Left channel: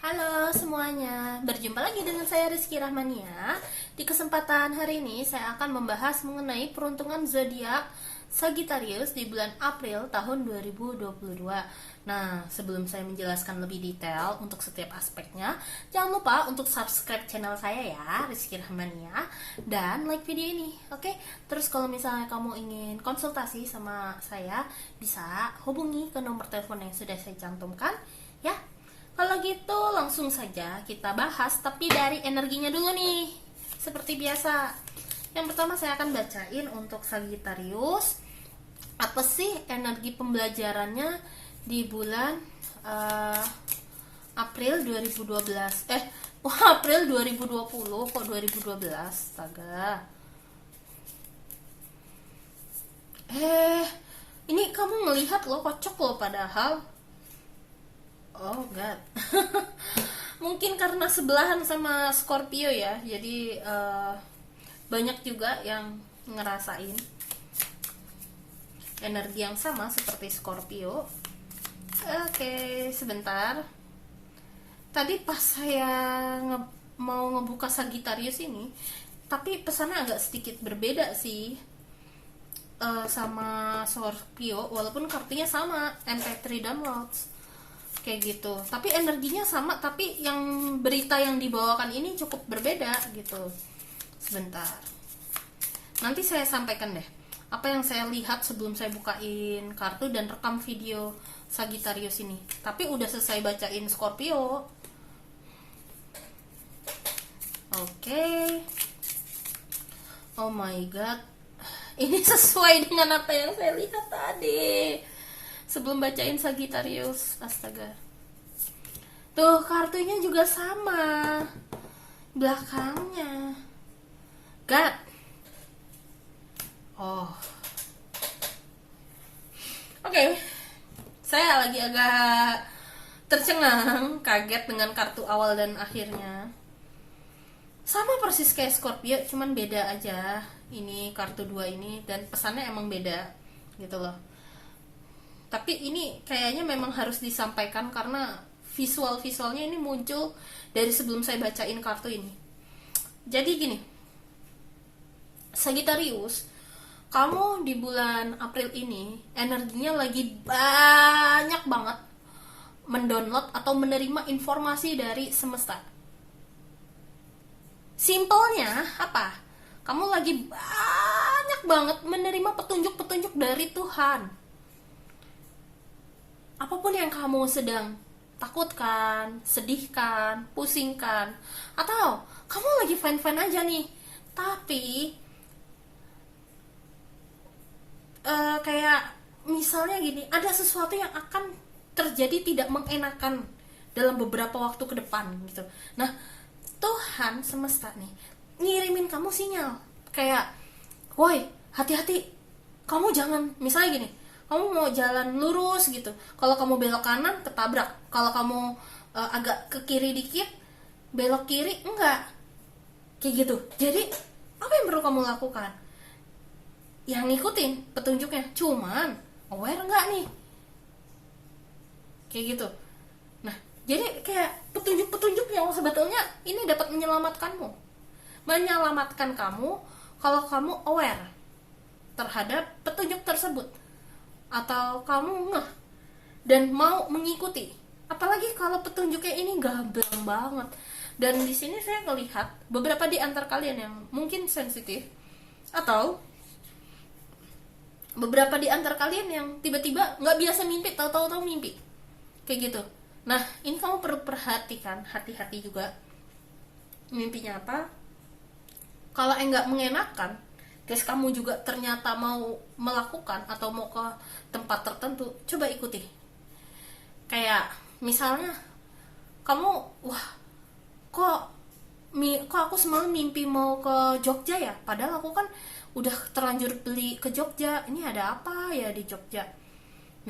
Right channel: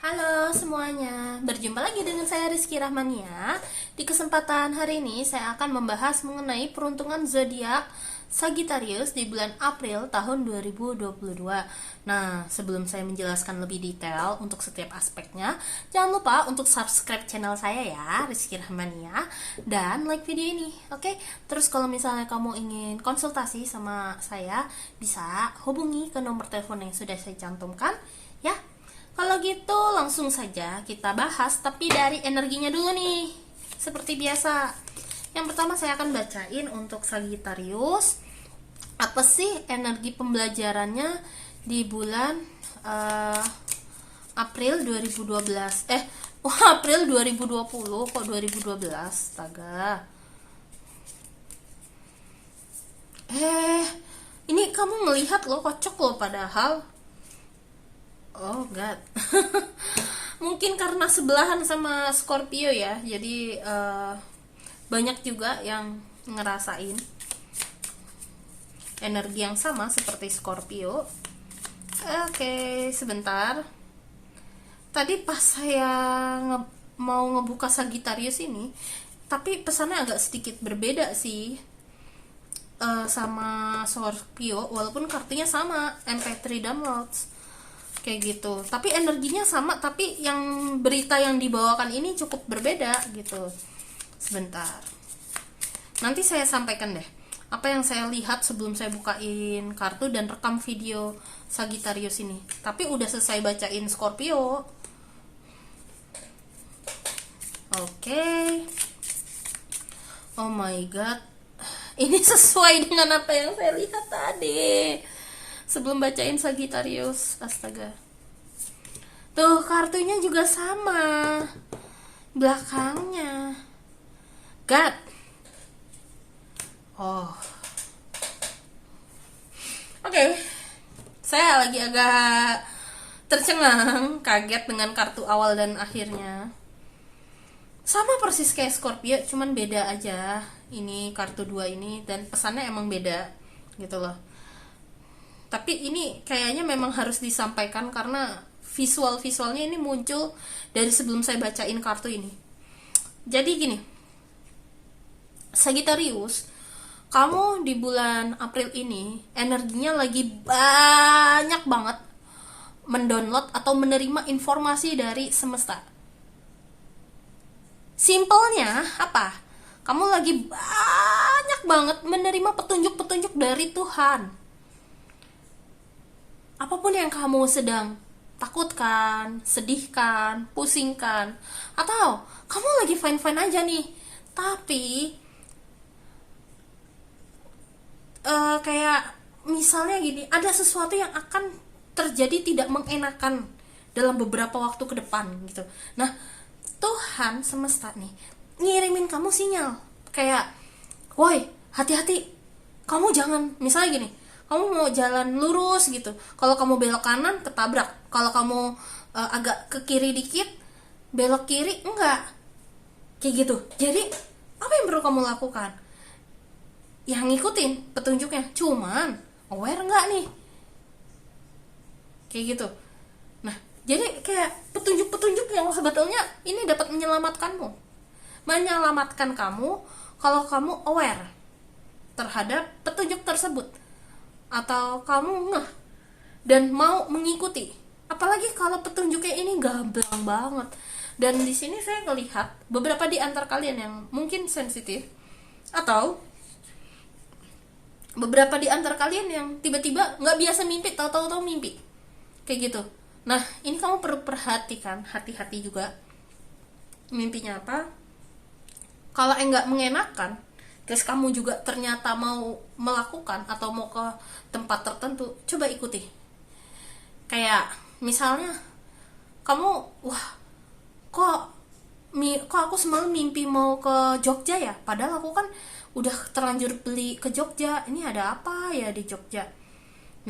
Halo semuanya, berjumpa lagi dengan saya Rizky Rahmania. Di kesempatan hari ini saya akan membahas mengenai peruntungan zodiak Sagittarius di bulan April tahun 2022. Nah, sebelum saya menjelaskan lebih detail untuk setiap aspeknya, jangan lupa untuk subscribe channel saya ya, Rizky Rahmania, dan like video ini, oke? Terus kalau misalnya kamu ingin konsultasi sama saya, bisa hubungi ke nomor telepon yang sudah saya cantumkan, ya. Kalau gitu langsung saja kita bahas, tapi dari energinya dulu nih. Seperti biasa. Yang pertama saya akan bacain untuk Sagittarius. Apa sih energi pembelajarannya di bulan April 2012? April 2020 kok 2012? Astaga. Ini kamu melihat loh, kocok loh padahal. Oh God. Mungkin karena sebelahan sama Scorpio ya, jadi banyak juga yang ngerasain energi yang sama seperti Scorpio. Oke, sebentar. Tadi pas saya mau ngebuka Sagittarius ini, tapi pesannya agak sedikit berbeda sih sama Scorpio, walaupun kartunya sama, MP3 downloads kayak gitu, tapi energinya sama, tapi yang berita yang dibawakan ini cukup berbeda gitu. Sebentar, nanti saya sampaikan deh apa yang saya lihat sebelum saya bukain kartu dan rekam video Sagittarius ini. Tapi udah selesai bacain Scorpio. Oke. Oh my god, ini sesuai dengan apa yang saya lihat tadi sebelum bacain Sagittarius. Astaga, tuh kartunya juga sama belakangnya. God. Oh, oke. Saya lagi agak tercengang, kaget dengan kartu awal dan akhirnya. Sama persis kayak Scorpio, cuman beda aja. Ini kartu 2 ini, dan pesannya emang beda gitu loh. Tapi ini kayaknya memang harus disampaikan karena visualnya ini muncul dari sebelum saya bacain kartu ini. Jadi gini, Sagittarius, kamu di bulan April ini energinya lagi banyak banget mendownload atau menerima informasi dari semesta. Simpelnya apa? Kamu lagi banyak banget menerima petunjuk-petunjuk dari Tuhan. Apapun yang kamu sedang takutkan, sedihkan, pusingkan, atau kamu lagi fine-fine aja nih, tapi kayak misalnya gini, ada sesuatu yang akan terjadi tidak mengenakan dalam beberapa waktu ke depan gitu. Nah, Tuhan semesta nih ngirimin kamu sinyal kayak, woi, hati-hati, kamu jangan, misalnya gini, kamu mau jalan lurus gitu, kalau kamu belok kanan ketabrak, kalau kamu agak ke kiri dikit belok kiri enggak, kayak gitu. Jadi apa yang perlu kamu lakukan? Yang ngikutin petunjuknya, cuman aware enggak nih, kayak gitu. Nah, jadi kayak petunjuk-petunjuk yang sebetulnya ini dapat menyelamatkan kamu kalau kamu aware terhadap petunjuk tersebut, atau kamu ngeh dan mau mengikuti. Apalagi kalau petunjuknya ini gamblang banget. Dan di sini saya melihat beberapa di antar kalian yang mungkin sensitif, atau beberapa di antar kalian yang tiba-tiba nggak biasa mimpi, tahu-tahu mimpi kayak gitu. Nah, ini kamu perlu perhatikan, hati-hati juga mimpinya apa. Kalau nggak mengenakan, terus kamu juga ternyata mau melakukan atau mau ke tempat tertentu, coba ikuti. Kayak misalnya kamu, wah, kok aku semalam mimpi mau ke Jogja ya, padahal aku kan udah terlanjur beli ke Jogja, ini ada apa ya di Jogja.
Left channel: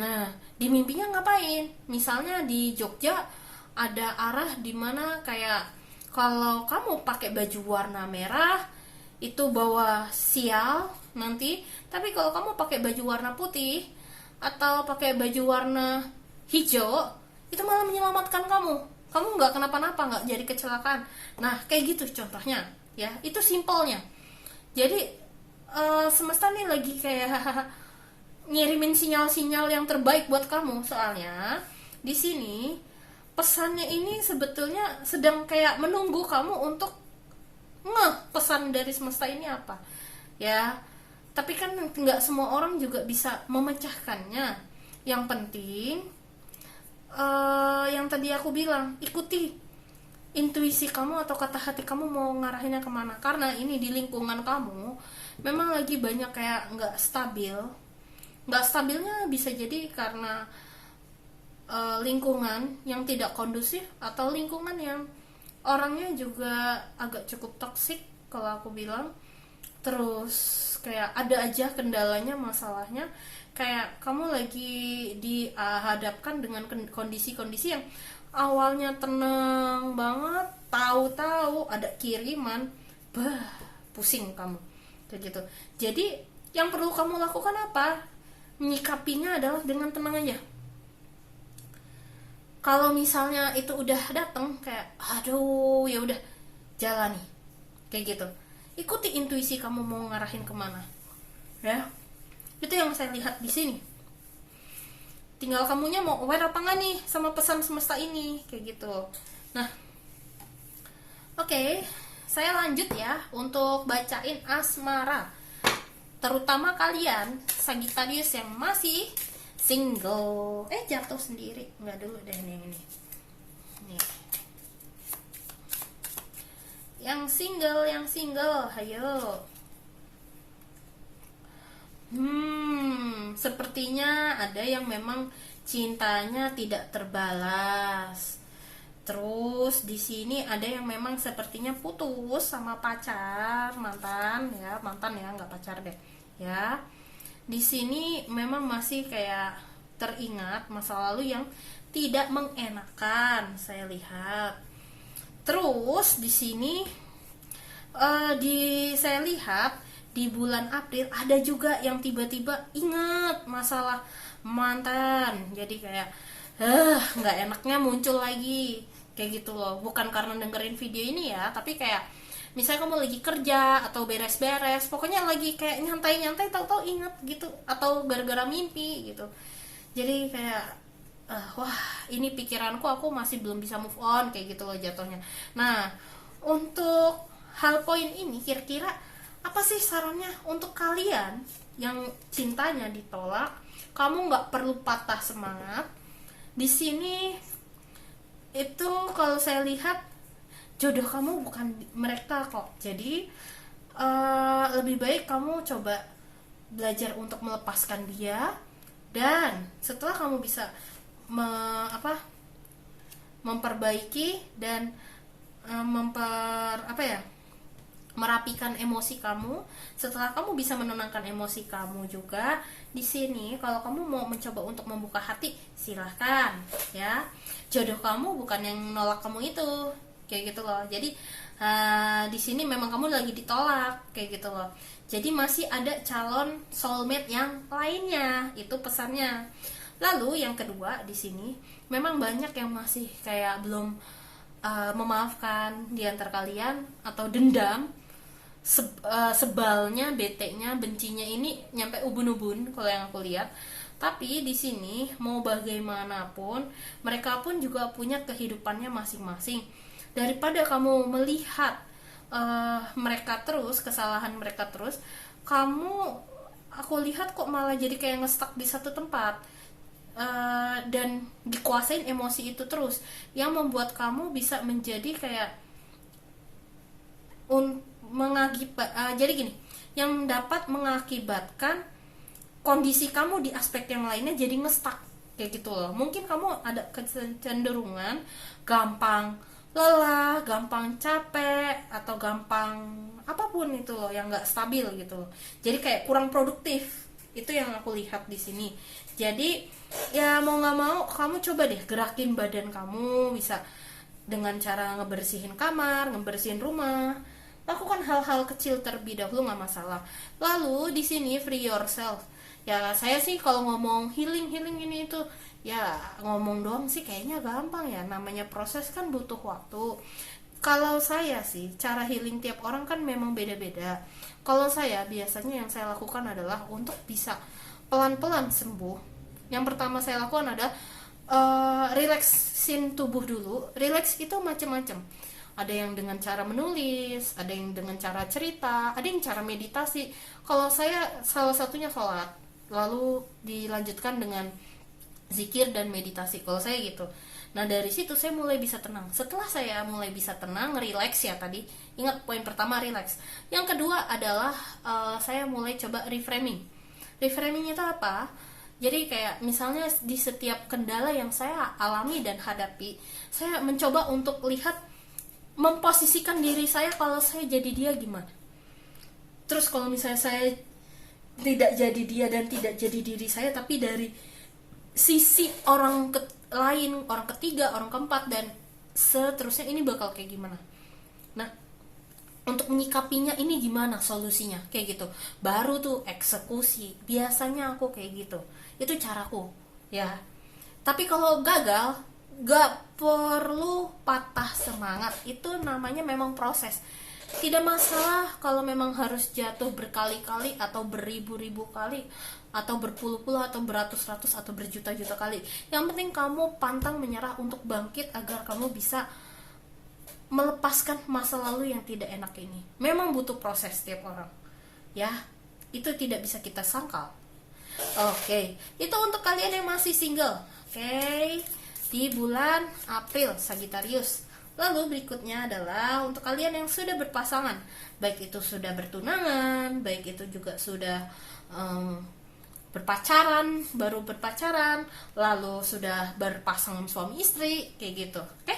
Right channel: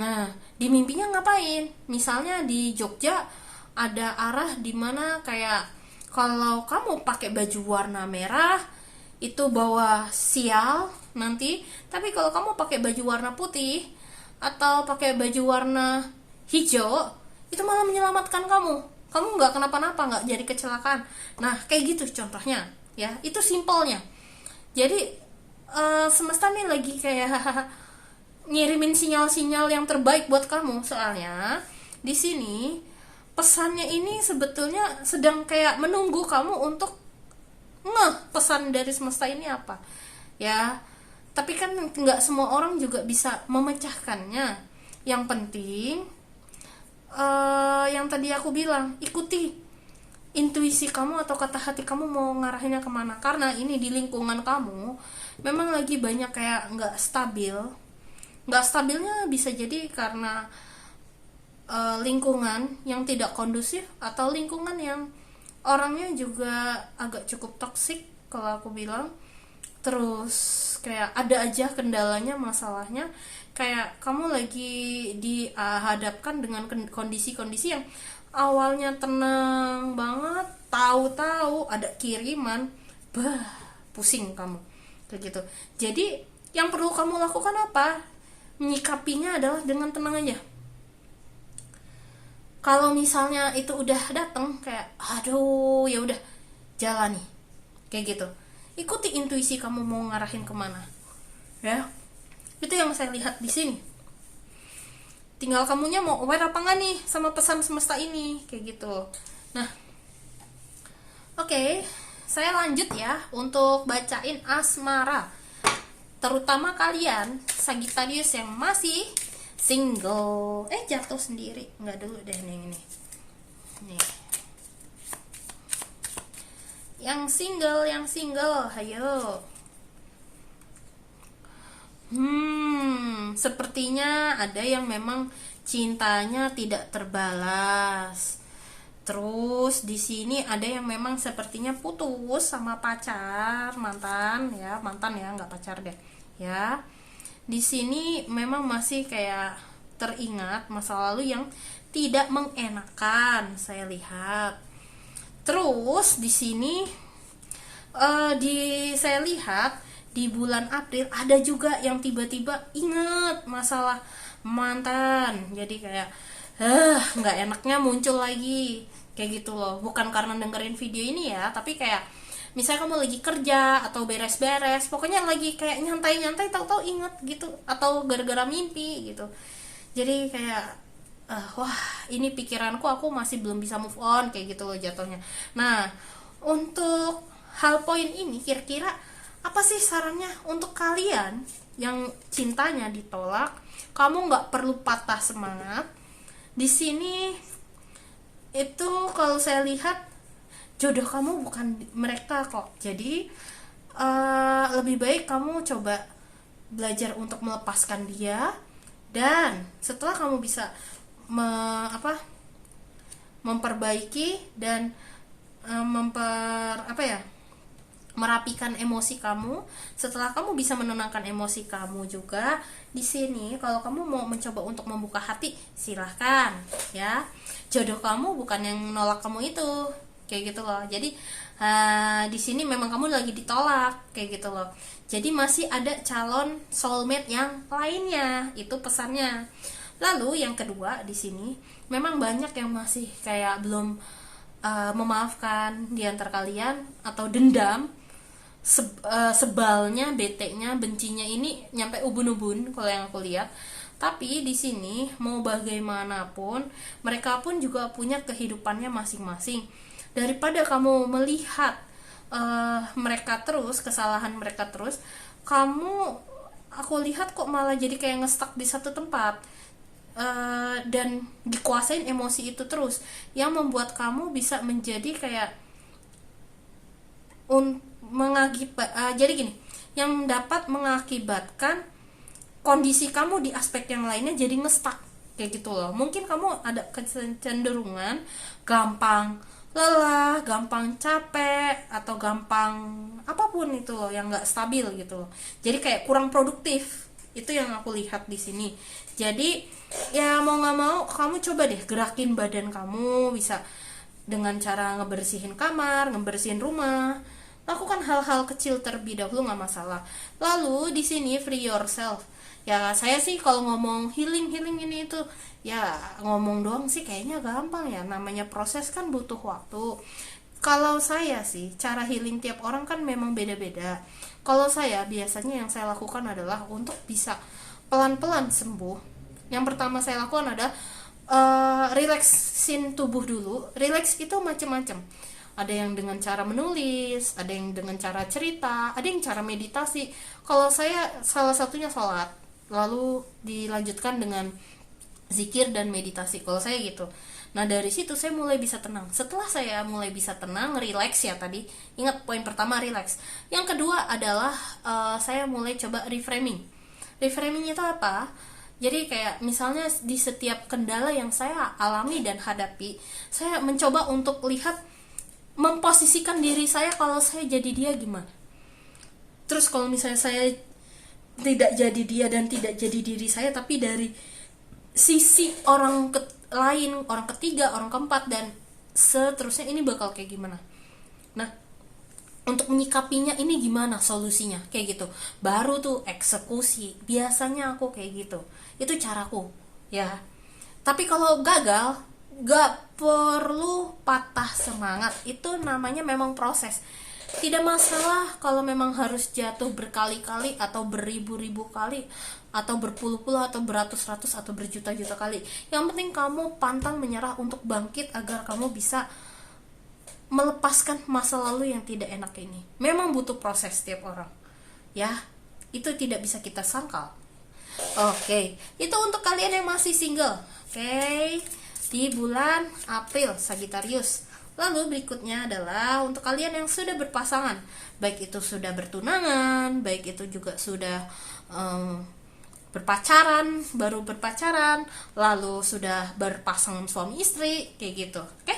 Nah, di mimpinya ngapain? Misalnya di Jogja ada arah dimana kayak kalau kamu pakai baju warna merah itu bawa sial nanti, tapi kalau kamu pakai baju warna putih atau pakai baju warna hijau itu malah menyelamatkan kamu. kamu nggak kenapa-napa, nggak jadi kecelakaan. Nah kayak gitu contohnya ya, itu simpelnya. Jadi semesta nih lagi kayak ngirimin sinyal-sinyal yang terbaik buat kamu. Soalnya di sini pesannya ini sebetulnya sedang kayak menunggu kamu untuk pesan dari semesta ini apa ya. Tapi kan nggak semua orang juga bisa memecahkannya. Yang penting yang tadi aku bilang, ikuti intuisi kamu atau kata hati kamu mau ngarahinnya kemana. Karena ini di lingkungan kamu memang lagi banyak kayak nggak stabil. Nggak stabilnya bisa jadi karena lingkungan yang tidak kondusif, atau lingkungan yang orangnya juga agak cukup toksik kalau aku bilang. Terus kayak ada aja kendalanya, masalahnya kayak kamu lagi dihadapkan dengan kondisi-kondisi yang awalnya tenang banget, tahu-tahu ada kiriman, pusing kamu kayak gitu. Jadi yang perlu kamu lakukan apa? Menyikapinya adalah dengan tenang aja. Kalau misalnya itu udah datang kayak aduh ya udah, jalani kayak gitu. Ikuti intuisi kamu mau ngarahin kemana ya. Itu yang saya lihat di sini. Tinggal kamunya mau aware apa nggak nih sama pesan semesta ini kayak gitu. Nah oke, saya lanjut ya untuk bacain asmara, terutama kalian Sagittarius yang masih single. Jatuh sendiri, nggak dulu deh ini nih. Yang single, ayo. Sepertinya ada yang memang cintanya tidak terbalas. Terus di sini ada yang memang sepertinya putus sama pacar, mantan ya, nggak pacar deh ya. Di sini memang masih kayak teringat masa lalu yang tidak mengenakan, saya lihat. Terus di sini saya lihat di bulan April ada juga yang tiba-tiba ingat masalah mantan. Jadi kayak nggak enaknya muncul lagi kayak gitu loh. Bukan karena dengerin video ini ya, tapi kayak misalnya kamu lagi kerja atau beres-beres, pokoknya lagi kayak nyantai-nyantai, tahu-tahu inget gitu, atau gara-gara mimpi gitu. Jadi kayak wah ini pikiranku, aku masih belum bisa move on kayak gitu loh jatuhnya. Nah untuk hal poin ini kira-kira apa sih sarannya untuk kalian yang cintanya ditolak? Kamu nggak perlu patah semangat. Di sini itu kalau saya lihat jodoh kamu bukan mereka kok. Jadi lebih baik kamu coba belajar untuk melepaskan dia, dan setelah kamu bisa memperbaiki dan merapikan emosi kamu. Setelah kamu bisa menenangkan emosi kamu juga, di sini kalau kamu mau mencoba untuk membuka hati, silahkan ya. Jodoh kamu bukan yang nolak kamu itu kayak gitu loh. Jadi di sini memang kamu lagi ditolak kayak gitu loh. Jadi masih ada calon soulmate yang lainnya, itu pesannya. Lalu yang kedua di sini memang banyak yang masih kayak belum memaafkan di antara kalian, atau dendam, sebalnya, beteknya, bencinya ini nyampe ubun-ubun kalau yang aku lihat. Tapi di sini mau bagaimanapun mereka pun juga punya kehidupannya masing-masing. Daripada kamu melihat mereka terus, kesalahan mereka terus, aku lihat kok malah jadi kayak ngestak di satu tempat, dan dikuasain emosi itu terus, yang membuat kamu bisa menjadi kayak jadi gini, yang dapat mengakibatkan kondisi kamu di aspek yang lainnya jadi ngestak kayak gitu loh. Mungkin kamu ada kecenderungan gampang lelah, gampang capek, atau gampang apapun itu loh yang nggak stabil gitu loh. Jadi kayak kurang produktif, itu yang aku lihat di sini. Jadi ya mau nggak mau kamu coba deh gerakin badan kamu, bisa dengan cara ngebersihin kamar, ngebersihin rumah. Lakukan hal-hal kecil terlebih dahulu, nggak masalah. Lalu di sini free yourself. Ya saya sih kalau ngomong healing ini itu Ya ngomong doang sih kayaknya gampang ya, namanya proses kan butuh waktu. Kalau saya sih, cara healing tiap orang kan memang beda-beda. Kalau saya biasanya yang saya lakukan adalah untuk bisa pelan-pelan sembuh. Yang pertama saya lakukan adalah relaksin tubuh dulu. Relax itu macam-macam. Ada yang dengan cara menulis, ada yang dengan cara cerita, ada yang cara meditasi. Kalau saya salah satunya sholat, lalu dilanjutkan dengan zikir dan meditasi. Kalau saya gitu. Nah dari situ saya mulai bisa tenang. Setelah saya mulai bisa tenang, relax ya tadi. Ingat poin pertama relax. Yang kedua adalah saya mulai coba reframing. Reframing itu apa? Jadi kayak misalnya di setiap kendala yang saya alami dan hadapi, saya mencoba untuk lihat, memposisikan diri saya kalau saya jadi dia gimana. Terus kalau misalnya saya tidak jadi dia dan tidak jadi diri saya, tapi dari sisi orang lain, orang ketiga, orang keempat, dan seterusnya, ini bakal kayak gimana. Nah, untuk menyikapinya ini gimana solusinya, kayak gitu. Baru tuh eksekusi. Biasanya aku kayak gitu. Itu caraku, ya. Tapi kalau gagal, gak perlu patah semangat. Itu namanya memang proses. Tidak masalah kalau memang harus jatuh berkali-kali atau beribu-ribu kali, atau berpuluh-puluh atau beratus-ratus atau berjuta-juta kali. Yang penting kamu pantang menyerah untuk bangkit agar kamu bisa melepaskan masa lalu yang tidak enak ini. Memang butuh proses setiap orang, ya. Itu tidak bisa kita sangkal. Oke, itu untuk kalian yang masih single. Oke, di bulan April Sagittarius. Lalu berikutnya adalah untuk kalian yang sudah berpasangan, baik itu sudah bertunangan, baik itu juga sudah berpacaran, baru berpacaran, lalu sudah berpasangan suami istri, kayak gitu. Oke?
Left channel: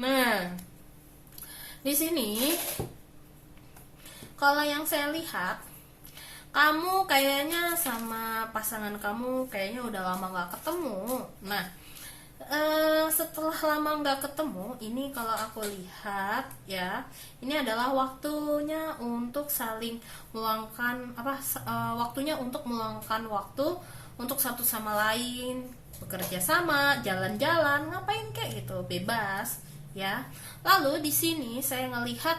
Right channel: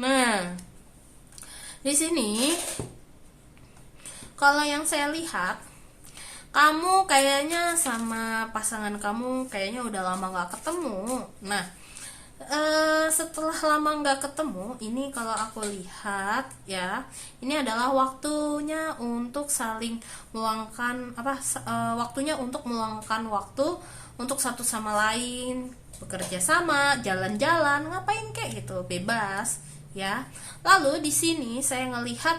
Nah, di sini kalau yang saya lihat, kamu kayaknya sama pasangan kamu kayaknya udah lama gak ketemu. Nah, setelah lama nggak ketemu, ini kalau aku lihat ya, ini adalah waktunya untuk saling meluangkan waktunya untuk meluangkan waktu untuk satu sama lain, bekerja sama, jalan-jalan, ngapain kayak gitu, bebas ya. Lalu di sini saya ngelihat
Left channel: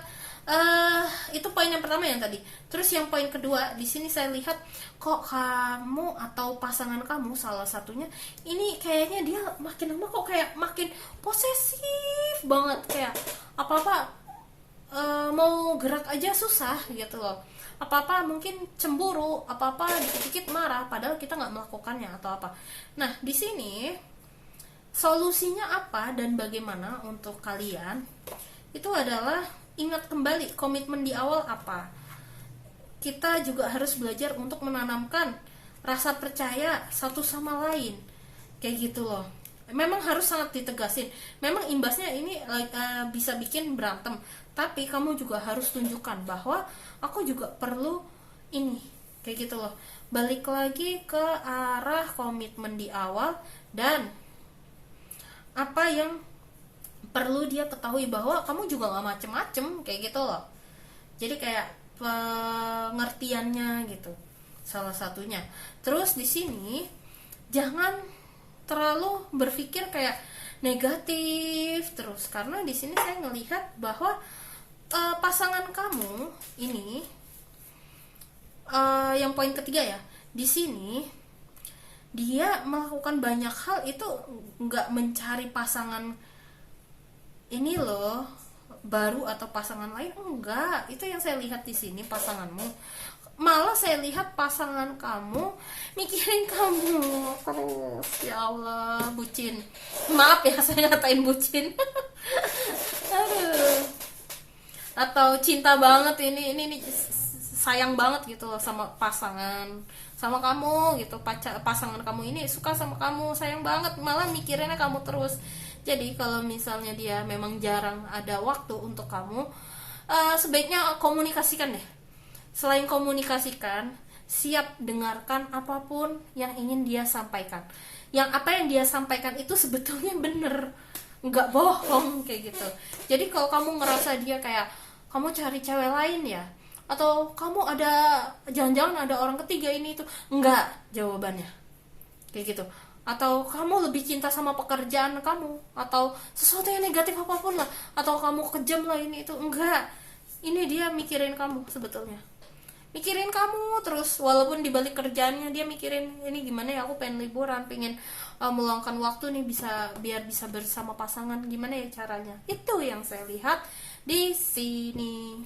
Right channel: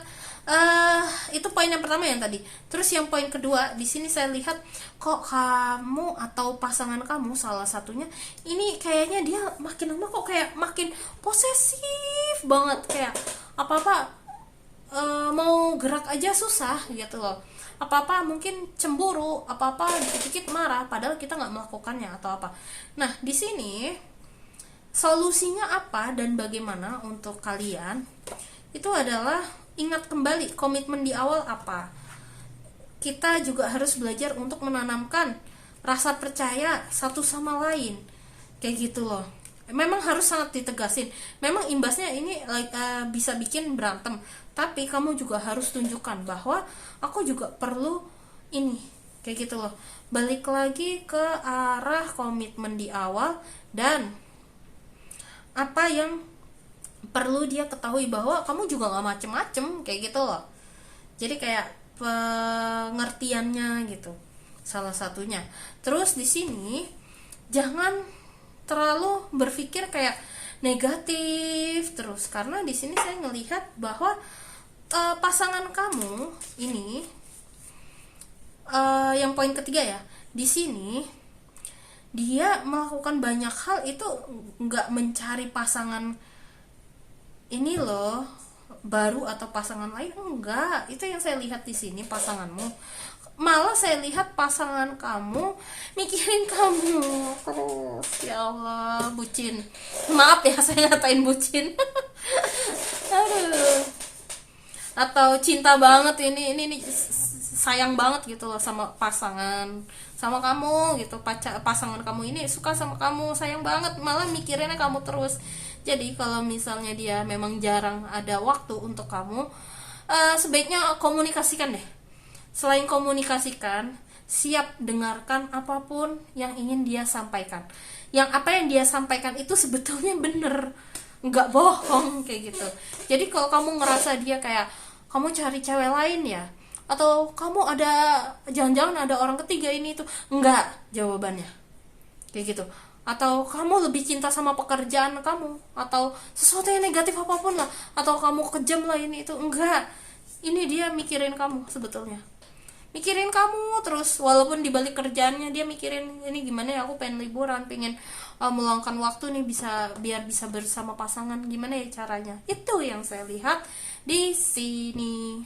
itu poin yang pertama yang tadi. Terus yang poin kedua, di sini saya lihat kok kamu atau pasangan kamu salah satunya ini kayaknya dia makin lama kok kayak makin posesif banget, kayak apa-apa mau gerak aja susah gitu loh. Apa-apa mungkin cemburu, apa-apa dikit-dikit marah padahal kita nggak melakukannya atau apa. Nah, di sini solusinya apa dan bagaimana untuk kalian? Itu adalah ingat kembali komitmen di awal apa. Kita juga harus belajar untuk menanamkan rasa percaya satu sama lain, kayak gitu loh. Memang harus sangat ditegasin. Memang imbasnya ini bisa bikin berantem, tapi kamu juga harus tunjukkan bahwa aku juga perlu ini, kayak gitu loh. Balik lagi ke arah komitmen di awal dan apa yang perlu dia ketahui, bahwa kamu juga gak macem-macem, kayak gitu loh. Jadi kayak pengertiannya gitu, salah satunya. Terus di sini jangan terlalu berpikir kayak negatif terus, karena di sini saya ngelihat bahwa pasangan kamu ini yang poin ketiga ya, di sini dia melakukan banyak hal itu nggak mencari pasangan ini loh baru atau pasangan lain, enggak. Itu yang saya lihat di sini, pasanganmu. Malah saya lihat pasangan kamu mikirin kamu terus. Ya Allah, bucin. Maaf ya saya ngatain bucin. Aduh. Atau cinta banget ini sayang banget gitu loh sama pasangan, sama kamu gitu. Pasangan kamu ini suka sama kamu, sayang banget, malah mikirinnya kamu terus. Jadi kalau misalnya dia memang jarang ada waktu untuk kamu, sebaiknya komunikasikan deh. Selain komunikasikan, siap dengarkan apapun yang ingin dia sampaikan. Yang apa yang dia sampaikan itu sebetulnya bener, nggak bohong, kayak gitu. Jadi kalau kamu ngerasa dia kayak kamu cari cewek lain ya, atau kamu ada jangan-jangan ada orang ketiga ini itu, enggak jawabannya. kayak gitu. Atau kamu lebih cinta sama pekerjaan kamu, atau sesuatu yang negatif apapun lah, atau kamu kejam lah ini itu. Enggak, ini dia mikirin kamu sebetulnya, mikirin kamu terus. Walaupun di balik kerjaannya dia mikirin, ini gimana ya, aku pengen liburan, pengen meluangkan waktu nih, bisa biar bisa bersama pasangan, gimana ya caranya. Itu yang saya lihat di sini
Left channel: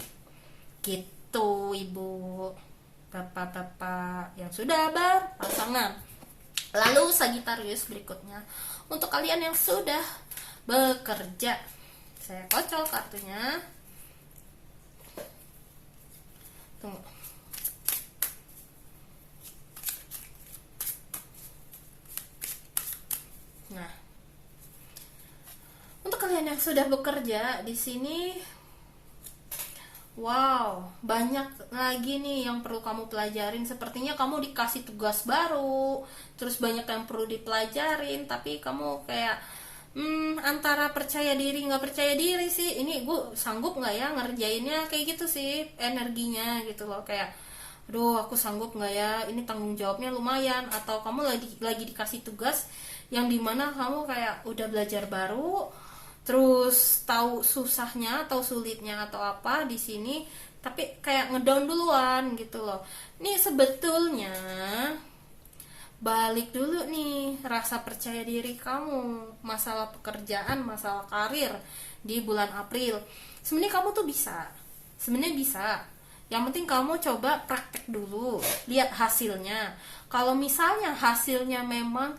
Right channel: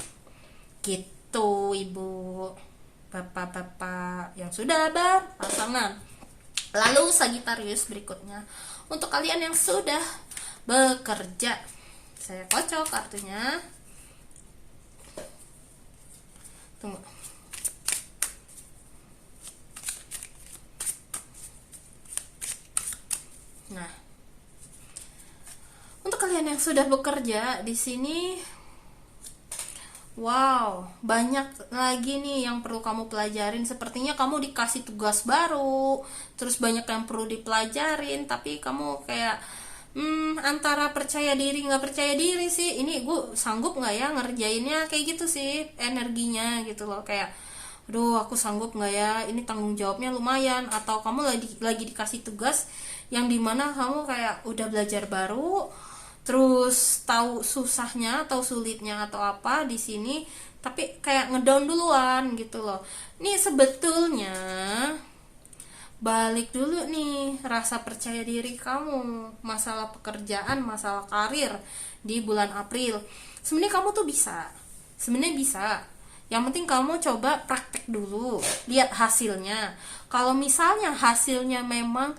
gitu, ibu, bapak-bapak yang sudah berpasangan. Lalu Sagittarius berikutnya, untuk kalian yang sudah bekerja, saya kocok kartunya. Tunggu. Nah, untuk kalian yang sudah bekerja di sini, wow, banyak lagi nih yang perlu kamu pelajarin. Sepertinya kamu dikasih tugas baru, terus banyak yang perlu dipelajarin, tapi kamu kayak antara percaya diri nggak percaya diri sih. Ini gue sanggup nggak ya ngerjainnya, kayak gitu sih energinya gitu loh. Kayak, aduh, aku sanggup nggak ya, ini tanggung jawabnya lumayan. Atau kamu lagi dikasih tugas yang dimana kamu kayak udah belajar baru, terus tahu susahnya atau sulitnya atau apa di sini, tapi kayak ngedown duluan gitu loh. Ini sebetulnya balik dulu nih rasa percaya diri kamu, masalah pekerjaan, masalah karir di bulan April. Sebenarnya kamu tuh bisa, sebenarnya bisa. Yang penting kamu coba praktek dulu, lihat hasilnya. Kalau misalnya hasilnya memang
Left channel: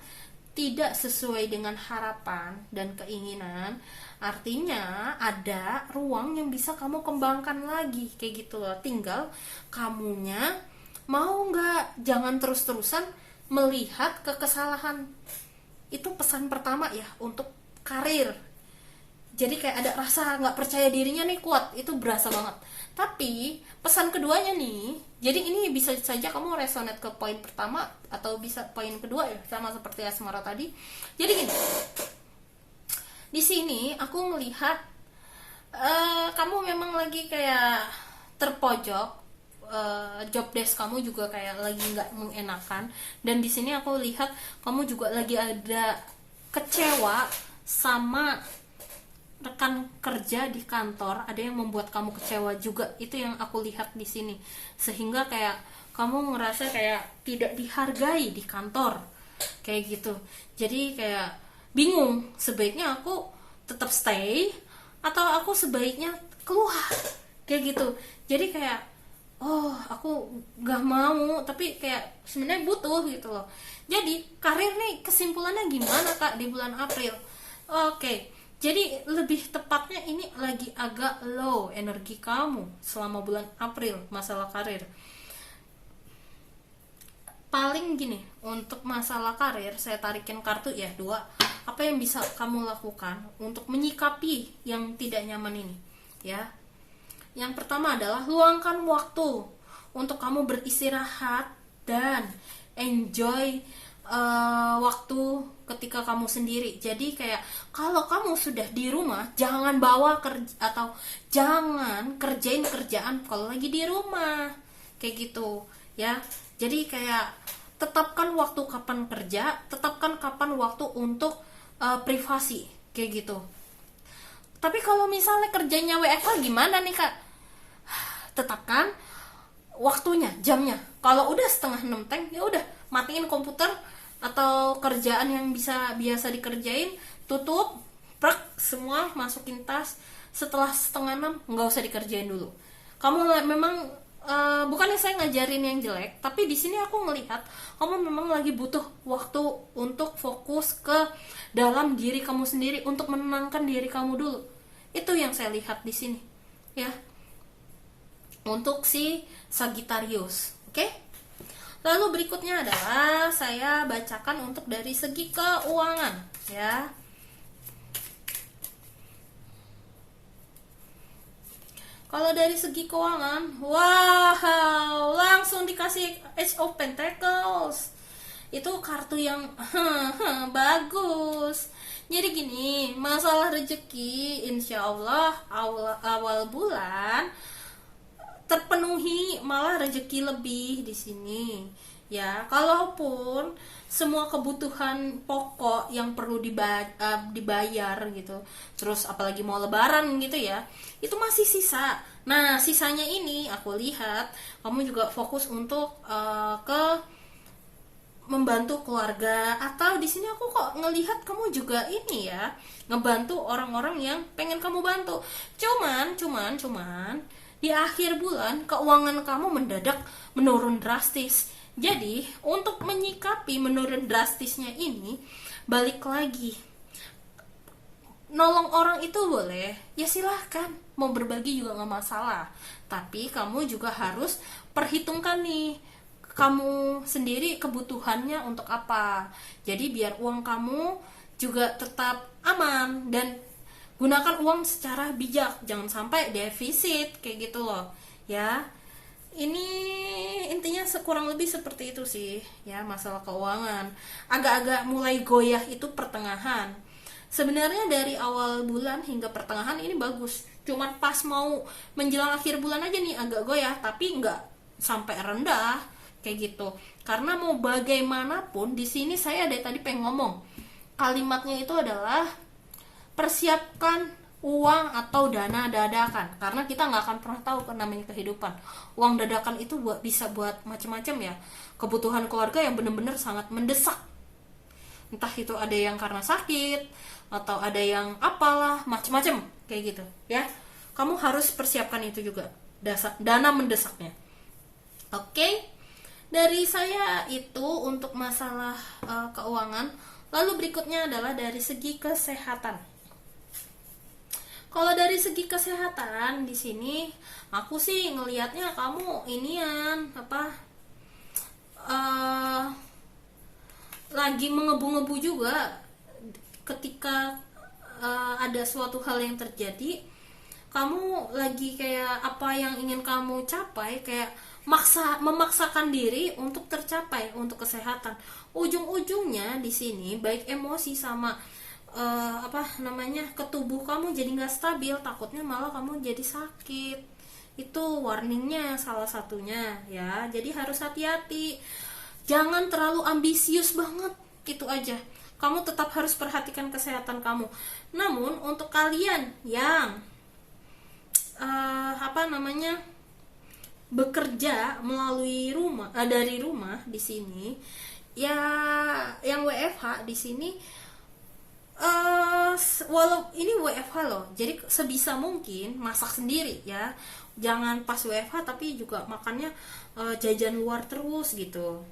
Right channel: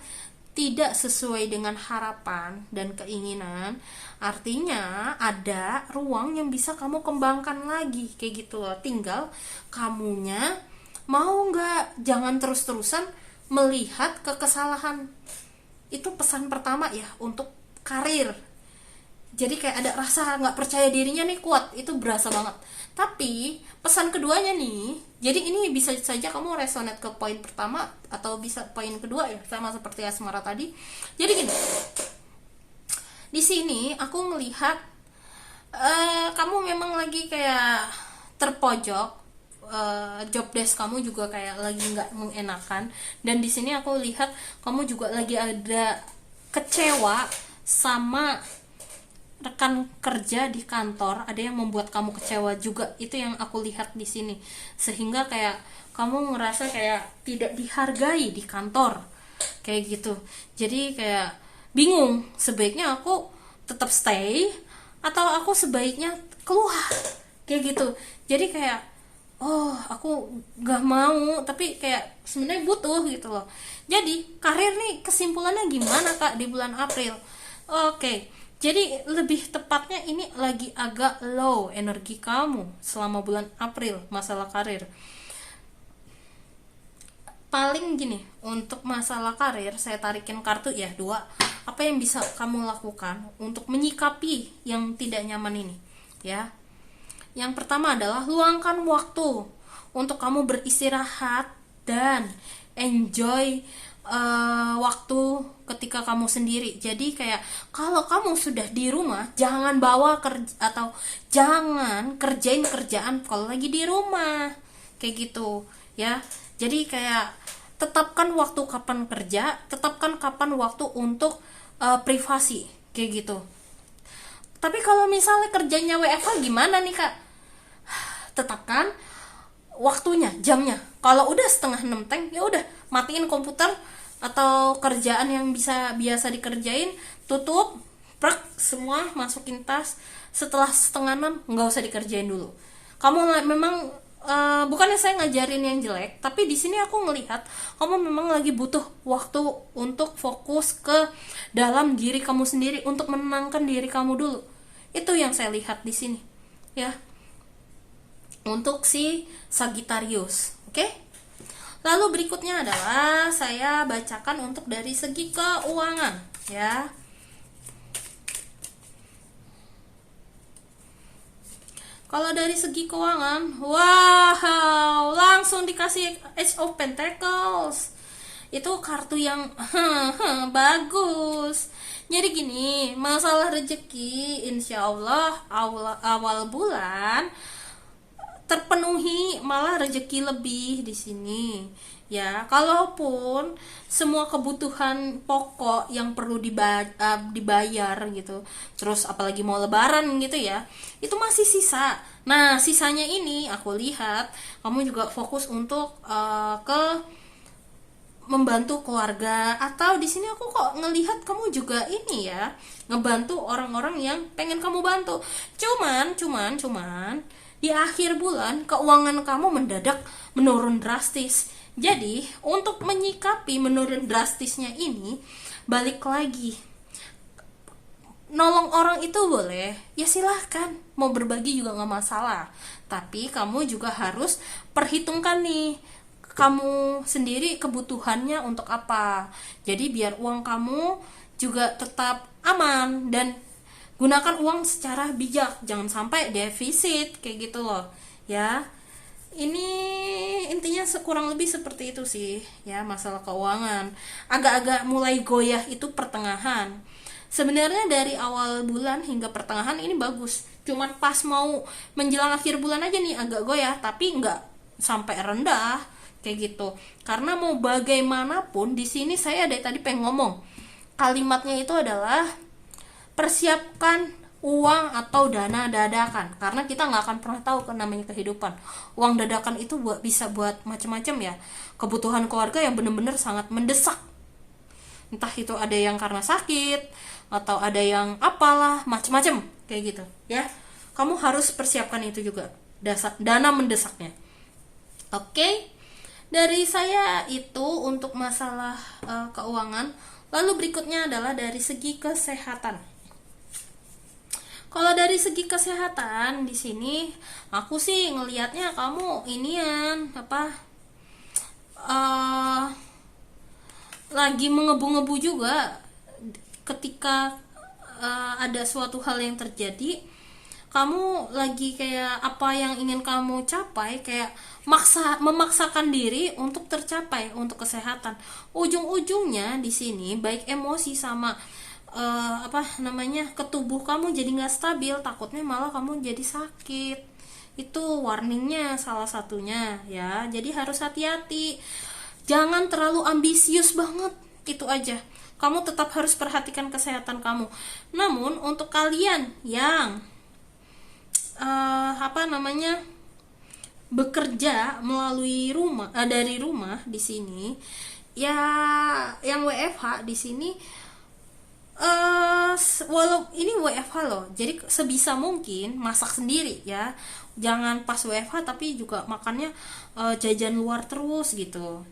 tidak sesuai dengan harapan dan keinginan, artinya ada ruang yang bisa kamu kembangkan lagi, kayak gitu loh. Tinggal kamunya mau nggak. Jangan terus-terusan melihat kesalahan. Itu pesan pertama ya untuk karir. Jadi kayak ada rasa nggak percaya dirinya nih kuat, itu berasa banget. Tapi pesan keduanya nih, jadi ini bisa saja kamu resonate ke poin pertama atau bisa poin kedua ya, sama seperti Asmara tadi. Jadi gini, di sini aku melihat kamu memang lagi kayak terpojok, job desk kamu juga kayak lagi nggak mengenakan, dan di sini aku lihat kamu juga lagi ada kecewa sama rekan kerja di kantor, ada yang membuat kamu kecewa juga. Itu yang aku lihat di sini, sehingga kayak kamu ngerasa kayak tidak dihargai di kantor, kayak gitu. Jadi kayak bingung, sebaiknya aku tetap stay atau aku sebaiknya keluar, kayak gitu. Jadi kayak, oh, aku gak mau, tapi kayak sebenarnya butuh gitu loh. Jadi karir nih kesimpulannya gimana Kak di bulan April? Oke. Jadi lebih tepatnya ini lagi agak low energi kamu selama bulan April masalah karir. Paling gini, untuk masalah karir saya tarikin kartu ya, 2. Apa yang bisa kamu lakukan untuk menyikapi yang tidak nyaman ini? Ya. Yang pertama adalah luangkan waktu untuk kamu beristirahat dan enjoy waktu ketika kamu sendiri. Jadi kayak kalau kamu sudah di rumah, jangan bawa kerja atau jangan kerjain kerjaan kalau lagi di rumah, kayak gitu ya. Jadi kayak tetapkan waktu kapan kerja, tetapkan kapan waktu untuk privasi, kayak gitu. Tapi kalau misalnya kerjanya WFH gimana nih Kak? Tetapkan waktunya, jamnya. Kalau udah setengah 6 teng, ya udah matiin komputer atau kerjaan yang biasa dikerjain, tutup, prak, semua masukin tas. Setelah setengah 6 nggak usah dikerjain dulu. Kamu memang bukannya saya ngajarin yang jelek, tapi di sini aku ngelihat kamu memang lagi butuh waktu untuk fokus ke dalam diri kamu sendiri, untuk menenangkan diri kamu dulu. Itu yang saya lihat di sini, ya. Untuk si Sagittarius, oke? Lalu berikutnya adalah saya bacakan untuk dari segi keuangan, ya. Kalau dari segi keuangan, wow, langsung dikasih Ace of Pentacles. Itu kartu yang bagus. Jadi gini, masalah rezeki, insya Allah awal bulan terpenuhi, malah rezeki lebih di sini. ya. Kalaupun semua kebutuhan pokok yang perlu dibayar gitu, terus apalagi mau lebaran gitu ya, itu masih sisa. Nah, sisanya ini aku lihat kamu juga fokus untuk ke membantu keluarga, atau di sini aku kok ngelihat kamu juga ini ya, ngebantu orang-orang yang pengen kamu bantu. Cuman di akhir bulan keuangan kamu mendadak menurun drastis. Jadi untuk menyikapi menurun drastisnya ini, balik lagi, nolong orang itu boleh ya, silahkan, mau berbagi juga nggak masalah, tapi kamu juga harus perhitungkan nih kamu sendiri kebutuhannya untuk apa. Jadi biar uang kamu juga tetap aman, dan gunakan uang secara bijak, jangan sampai defisit kayak gitu loh ya. Ini intinya kurang lebih seperti itu sih ya, masalah keuangan. Agak-agak mulai goyah itu pertengahan. Sebenarnya dari awal bulan hingga pertengahan ini bagus, cuman pas mau menjelang akhir bulan aja nih agak goyah, tapi nggak sampai rendah kayak gitu. Karena mau bagaimanapun di sini saya dari tadi pengen ngomong, kalimatnya itu adalah persiapkan uang atau dana dadakan, karena kita nggak akan pernah tahu kan namanya kehidupan. Uang dadakan itu bisa buat macam-macam ya, kebutuhan keluarga yang benar-benar sangat mendesak, entah itu ada yang karena sakit atau ada yang apalah macam-macam kayak gitu ya. Kamu harus persiapkan itu juga, dana mendesaknya. Oke, dari saya itu untuk masalah keuangan. Lalu berikutnya adalah dari segi kesehatan. Kalau dari segi kesehatan di sini aku sih ngelihatnya kamu inian apa, lagi mengebu-ngebu juga ketika ada suatu hal yang terjadi. Kamu lagi kayak apa yang ingin kamu capai, kayak memaksakan diri untuk tercapai untuk kesehatan. Ujung-ujungnya di sini baik emosi sama ke tubuh kamu jadi nggak stabil, takutnya malah kamu jadi sakit. Itu warningnya salah satunya ya. Jadi harus hati-hati, jangan terlalu ambisius banget, itu aja. Kamu tetap harus perhatikan kesehatan kamu. Namun untuk kalian yang bekerja melalui rumah, dari rumah di sini ya, yang WFH di sini, walau ini WFH loh, jadi sebisa mungkin masak sendiri ya. Jangan pas WFH tapi juga makannya jajan luar terus gitu.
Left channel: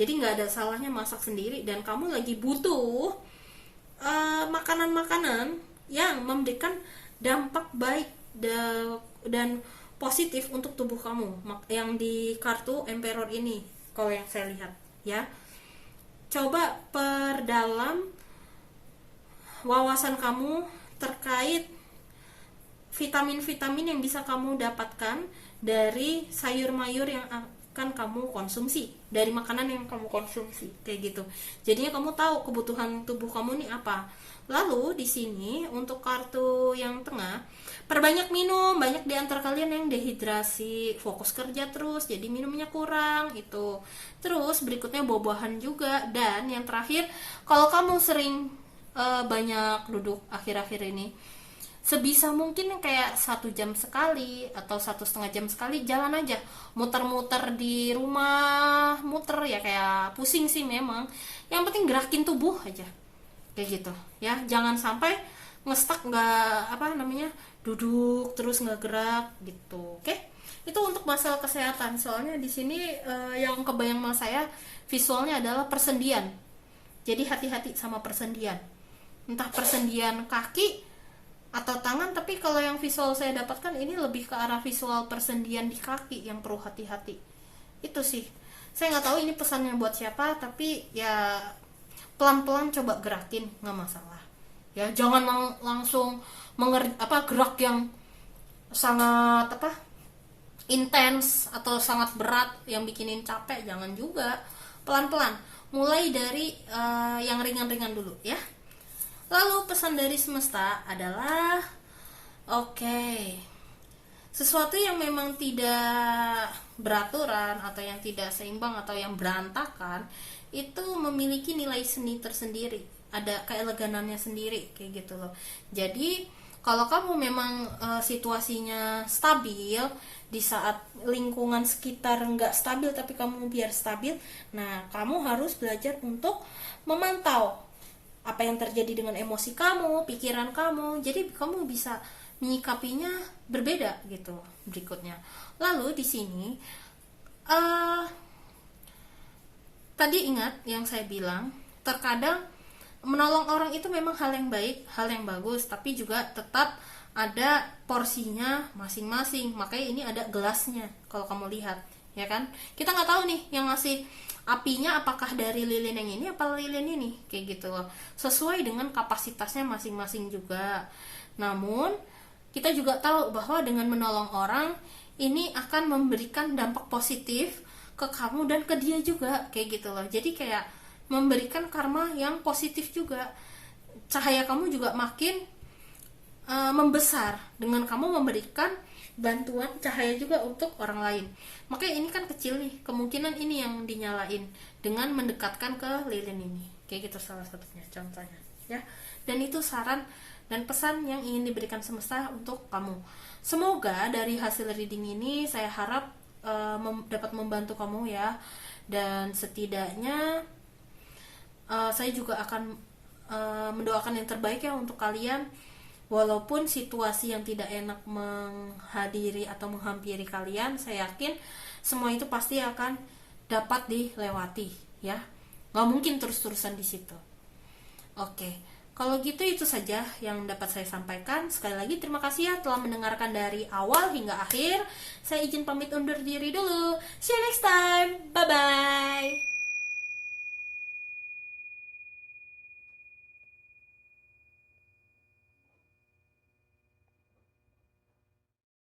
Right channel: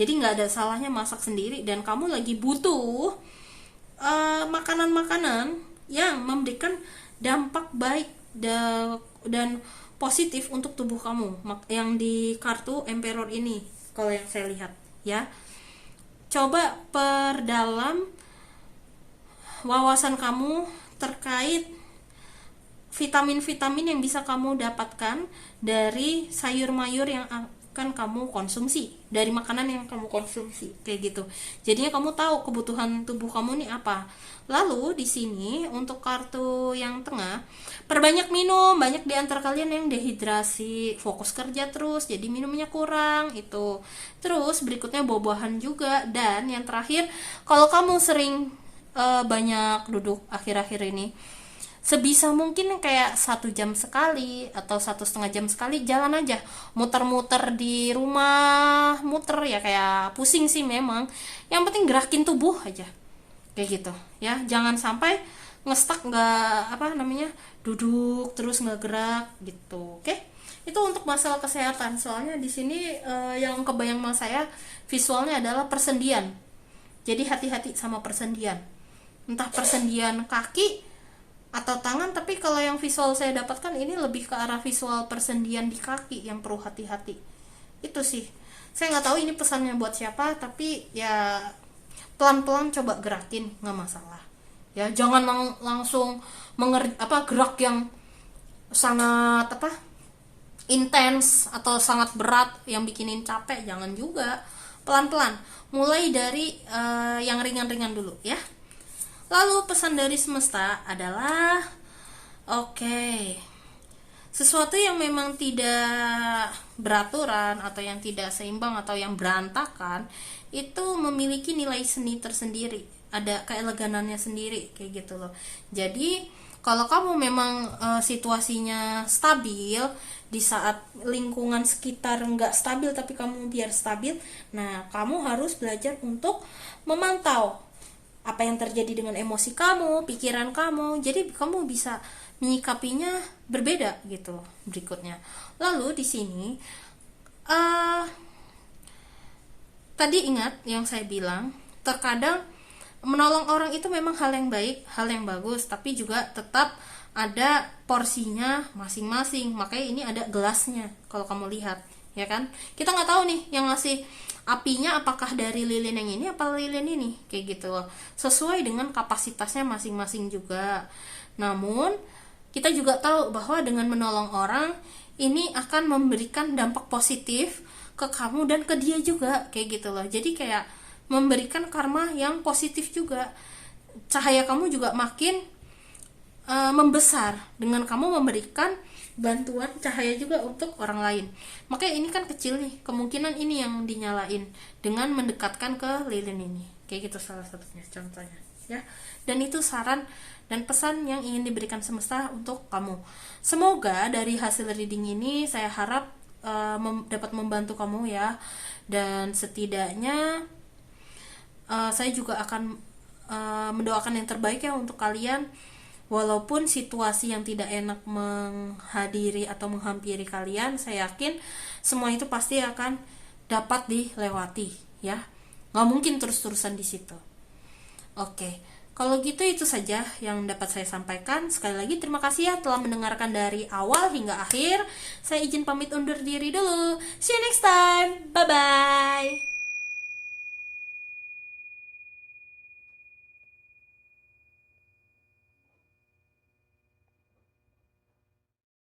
Jadi nggak ada salahnya masak sendiri, dan kamu lagi butuh makanan-makanan yang memberikan dampak baik dan positif untuk tubuh kamu, yang di kartu Emperor ini kalau yang saya lihat ya. Coba perdalam wawasan kamu terkait vitamin-vitamin yang bisa kamu dapatkan dari sayur-mayur yang akan kamu konsumsi, dari makanan yang kamu konsumsi kayak gitu. Jadinya kamu tahu kebutuhan tubuh kamu ini apa. Lalu di sini untuk kartu yang tengah, perbanyak minum. Banyak di antara kalian yang dehidrasi, fokus kerja terus jadi minumnya kurang itu. Terus berikutnya buah-buahan juga. Dan yang terakhir, kalau kamu sering banyak duduk akhir-akhir ini, sebisa mungkin kayak 1 jam sekali atau 1,5 jam sekali jalan aja, muter-muter di rumah, muter ya, kayak pusing sih memang, yang penting gerakin tubuh aja kayak gitu ya. Jangan sampai ngestak, duduk terus nggak gerak gitu. Oke, itu untuk masalah kesehatan. Soalnya di sini yang kebayang sama saya visualnya adalah persendian, jadi hati-hati sama persendian, entah persendian kaki atau tangan. Tapi kalau yang visual saya dapatkan ini lebih ke arah visual persendian di kaki yang perlu hati-hati. Itu sih, saya nggak tahu ini pesannya buat siapa, tapi ya pelan-pelan coba gerakin, nggak masalah ya. Jangan langsung gerak yang sangat intens atau sangat berat yang bikinin capek, jangan juga. Pelan-pelan, mulai dari yang ringan-ringan dulu ya. Lalu pesan dari semesta adalah, oke, Sesuatu yang memang tidak beraturan atau yang tidak seimbang atau yang berantakan itu memiliki nilai seni tersendiri, ada keeleganannya sendiri kayak gitu loh. Jadi kalau kamu memang situasinya stabil, di saat lingkungan sekitar nggak stabil tapi kamu biar stabil, nah kamu harus belajar untuk memantau apa yang terjadi dengan emosi kamu, pikiran kamu. Jadi kamu bisa menyikapinya berbeda gitu berikutnya. Lalu di sini tadi ingat yang saya bilang, terkadang menolong orang itu memang hal yang baik, hal yang bagus, tapi juga tetap ada porsinya masing-masing. Makanya ini ada gelasnya kalau kamu lihat, ya kan? Kita nggak tahu nih yang ngasih apinya apakah dari lilin yang ini apa lilin ini, kayak gitu loh. Sesuai dengan kapasitasnya masing-masing juga. Namun kita juga tahu bahwa dengan menolong orang ini akan memberikan dampak positif ke kamu dan ke dia juga, kayak gitu loh. Jadi kayak memberikan karma yang positif juga. Cahaya kamu juga makin membesar dengan kamu memberikan bantuan cahaya juga untuk orang lain. Makanya ini kan kecil nih, kemungkinan ini yang dinyalain dengan mendekatkan ke lilin ini, kayak gitu salah satunya contohnya ya. Dan itu saran dan pesan yang ingin diberikan semesta untuk kamu. Semoga dari hasil reading ini saya harap dapat membantu kamu ya. Dan setidaknya saya juga akan mendoakan yang terbaik ya untuk kalian. Walaupun situasi yang tidak enak menghadiri atau menghampiri kalian, saya yakin semua itu pasti akan dapat dilewati ya. Nggak mungkin terus-terusan di situ. Oke, kalau gitu itu saja yang dapat saya sampaikan. Sekali lagi terima kasih ya telah mendengarkan dari awal hingga akhir. Saya izin pamit undur diri dulu. See you next time. Bye-bye.